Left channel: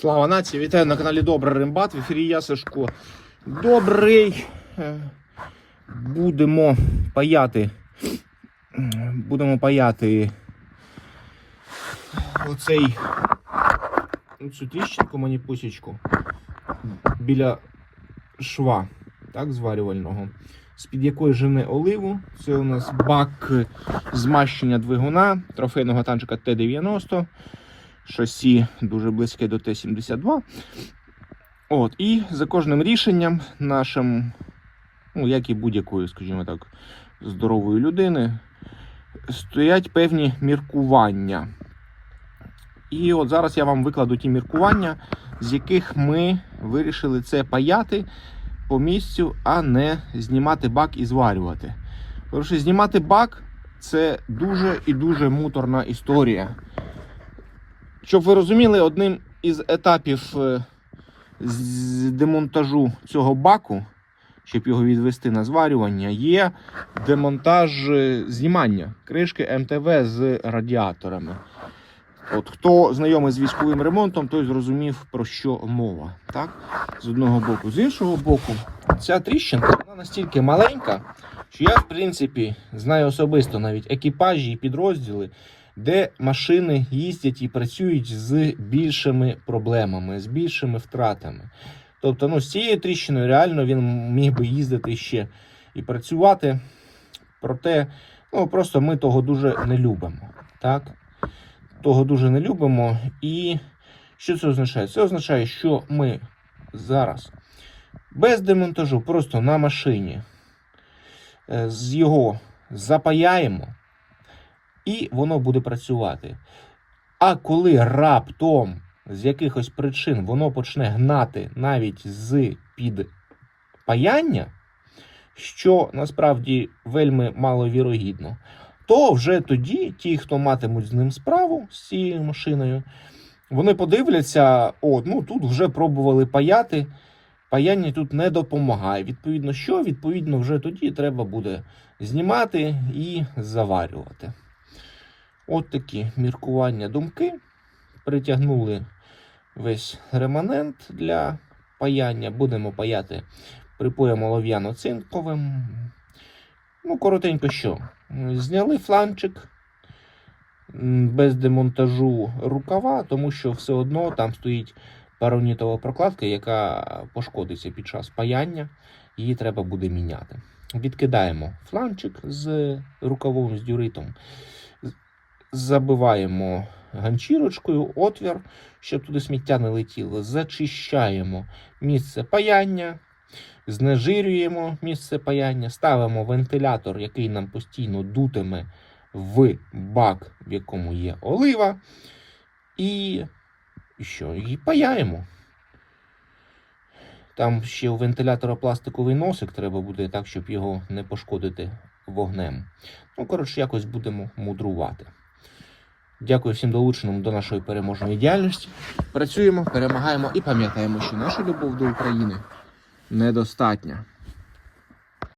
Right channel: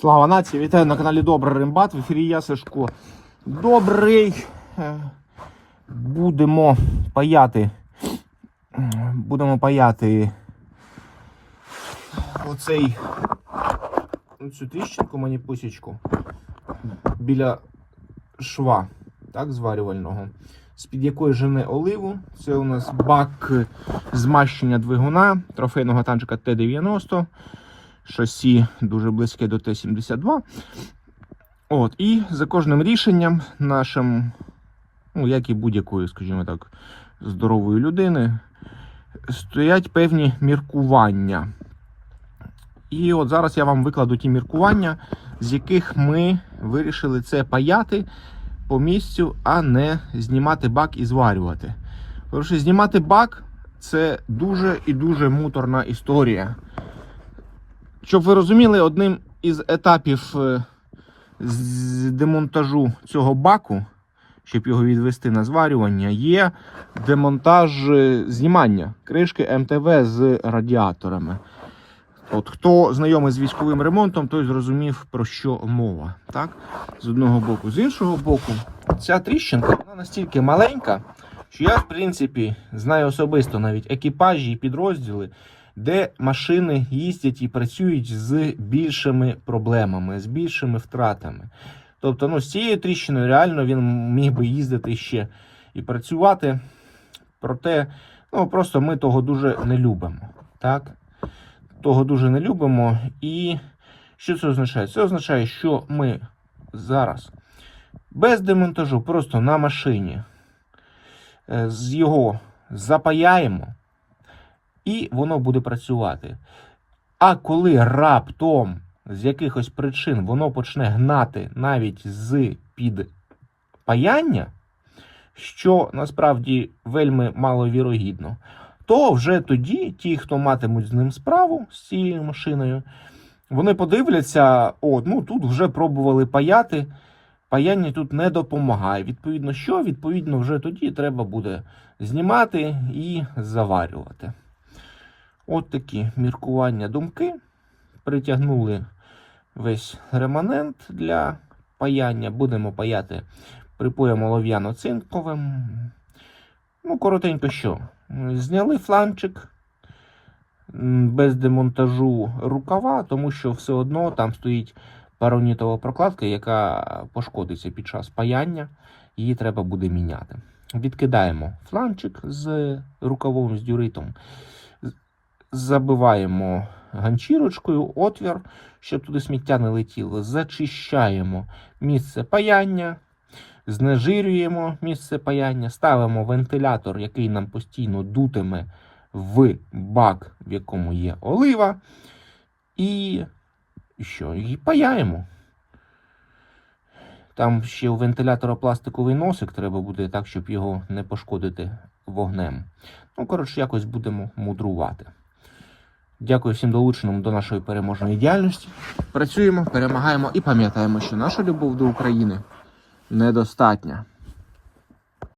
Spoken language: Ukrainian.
Слава нації! Вітаю на каналі Добрий Римбат. В ефірі я Сашко. Добрий. Е, Будемо паяти. Будемо паяти оцей оцю тріщинку мені посічку біля шва, так, зварювального. З-під якої жене оливу. Це у нас бак змащення двигуна трофейного танчика Т-90 шасі дуже близьке до Т-72. От, І за кожним рішенням нашим, ну, як і будь-якої, скажімо так, здорової людини, стоять певні міркування. І от зараз я вам викладу ті міркування, з яких ми вирішили це паяти по місцю, а не знімати бак і зварювати. Тому що знімати бак це дуже і дуже муторна історія. Щоб ви розуміли, одним із етапів е, з демонтажу цього баку, щоб його відвести на зварювання, є демонтаж е, знімання кришки МТВ з радіаторами. От Хто знайомий з військовим ремонтом, той зрозумів, про що мова. Так? З одного боку. З іншого боку, ця тріщинка вона настільки маленька, що я, в принципі, знаю особисто навіть екіпажі і підрозділи, де машини їздять і працюють з більшими проблемами, з більшими втратами. Тобто, ну, з цією тріщиною реально він міг би їздити ще і працювати. Проте, ну просто ми того дуже не любимо. Так? Того дуже не любимо. І що це означає? Це означає, що ми зараз без демонтажу, просто на машині е, з його запаяємо і воно буде працювати. А коли раптом з якихось причин воно почне гнати навіть з під паяння, що насправді вельми маловірогідно, то вже тоді ті, хто матимуть з ним справу з цією машиною, вони подивляться, о, ну тут вже пробували паяти. Паяння тут не допомагає. Відповідно, що? Відповідно, вже тоді треба буде знімати і заварювати. От такі міркування думки. Притягнули весь реманент для паяння. Будемо паяти припоєм олов'яно-цинковим. Ну, коротенько що. Зняли фланчик без демонтажу рукава, тому що все одно там стоїть паронітова прокладка, яка пошкодиться під час паяння. Її треба буде міняти. Відкидаємо фланчик з рукавом, з дюритом забиваємо ганчірочкою отвір, щоб туди сміття не летіло. Зачищаємо місце паяння, знежирюємо місце паяння, ставимо вентилятор, який нам постійно дутиме в бак, в якому є олива. І що? І паяємо. Там ще у вентилятора пластиковий носик треба буде так, щоб його не пошкодити вогнем. Ну, коротше, якось будемо мудрувати. Дякую всім долученим до нашої переможної діяльності. Працюємо, перемагаємо і пам'ятаємо, що наша любов до України недостатня.